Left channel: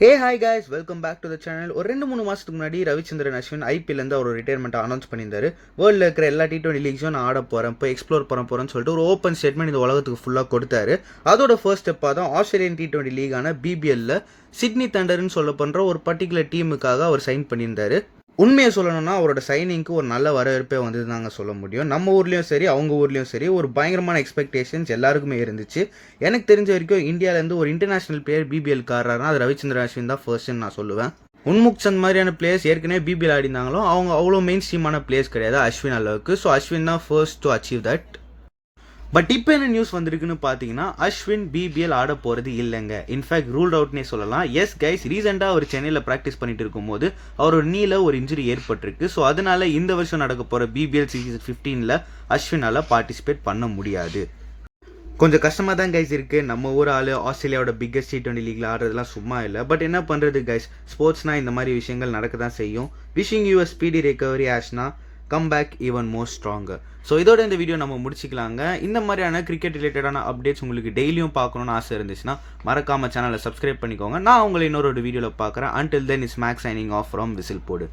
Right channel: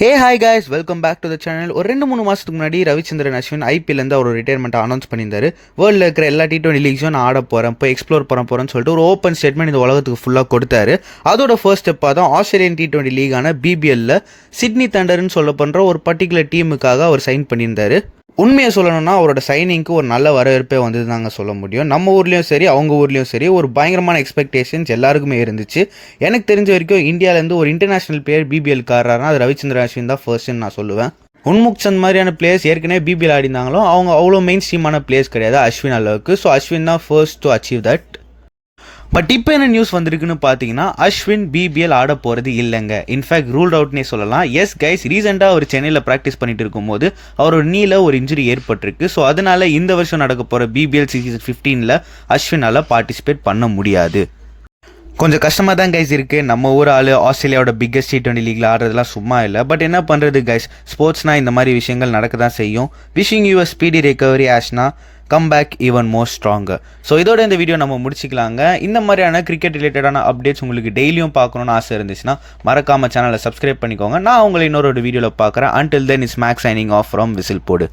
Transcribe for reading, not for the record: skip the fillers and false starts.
Hey hi guys, welcome back to the channel. ஒரு 2-3 மாதத்துக்கு முன்னாடி ரவிச்சந்திரன் அஸ்வின் ஐபிஎல்லேருந்து அவர் ரிட்டையர்மெண்ட் அனௌன்ஸ் பண்ணியிருந்தாரு. வேர்ல்டில் இருக்கிற எல்லா T20 லீக்ஸும் நான் ஆட போகிறேன், போய் எக்ஸ்ப்ளோர் போகிறேன்னு சொல்லிட்டு ஒரு ஓப்பன் ஸ்டேட்மெண்ட் இந்த உலகத்துக்கு ஃபுல்லாக கொடுத்தாரு. அதோட ஃபர்ஸ்ட் ஸ்டெப்பாக தான் ஆஸ்திரேலியன் T20 லீகான பிபிஎல்ல சிட்னி தண்டர்னு சொல்ல பண்ணுற ஒரு பர்டிகுலர் டீமுக்காக அவர் சைன் பண்ணியிருந்தாரு. உண்மையை சொல்லணும்னா அவரோட சைனிங்க்கு ஒரு நல்ல வரவேற்பே வந்து தாங்க சொல்ல முடியும். நம்ம ஊர்லேயும் சரி அவங்க ஊர்லேயும் சரி ஒரு பயங்கரமான எக்ஸ்பெக்டேஷன்ஸ் எல்லாருக்குமே இருந்துச்சு. எனக்கு தெரிஞ்ச வரைக்கும் இந்தியாவிலேருந்து ஒரு இன்டர்நேஷனல் பிளேயர் பிபிஎல் காரர்னா அது ரவிச்சந்திரன் அஸ்வின் தான் ஃபர்ஸ்ட்னு நான் சொல்லுவேன். உன்முக் சந்த் மாதிரியான பிளேயர்ஸ் ஏற்கனவே பிபிஎல் ஆடினாங்களும் அவங்க அவ்வளோ மெயின் ஸ்ட்ரீமான பிளேயர்ஸ் கிடையாது அஸ்வின் அளவுக்கு. ஸோ அஸ்வின் தான் first to achieve that. But இப்போ என்ன நியூஸ் வந்திருக்குன்னு பார்த்தீங்கன்னா அஸ்வின் பிபிஎல் ஆட போகிறது இல்லைங்க. இன்ஃபேக்ட் ரூல்ட் அவுட்னே சொல்லலாம். எஸ் கைஸ், ரீசெண்டாக அவர் சென்னையில் ப்ராக்டிஸ் பண்ணிட்டு இருக்கும்போது அவரோட நீல ஒரு இன்ஜுரி ஏற்பட்டிருக்கு. ஸோ அதனால இந்த வருஷம் நடக்க போகிற பிபிஎல் சீசன் 15 அஸ்வினால் பார்ட்டிசிபேட் பண்ண முடியாது. கொஞ்சம் கஷ்டமாக தான் கைஸ் இருக்குது. நம்ம ஊர் ஆள் ஆஸ்திரேலியாவோட பிக்கஸ்ட் T20 லீக்ல ஆடுறதுலாம் சும்மா இல்லை. பட் என்ன பண்ணுறது கைஸ், ஸ்போர்ட்ஸ்னால் இந்த மாதிரி விஷயங்கள் நடக்க தான் செய்யும். Wishing you speedy recovery Ashna, come back even more stronger. So இதோட இந்த வீடியோ நம்ம முடிச்சிக்கலாங்க. இந்த மாதிரியான கிரிக்கெட் ரிலேட்டடான அப்டேட்ஸ் உங்களுக்கு டெய்லியும் பார்க்கணுன்னு ஆசை இருந்துச்சுன்னா மறக்காமல் சேனலை சப்ஸ்கிரைப் பண்ணிக்கோங்க. நான் உங்களை இன்னொரு வீடியோவில் பார்க்குறேன். Until then is Max signing off from whistle போடு.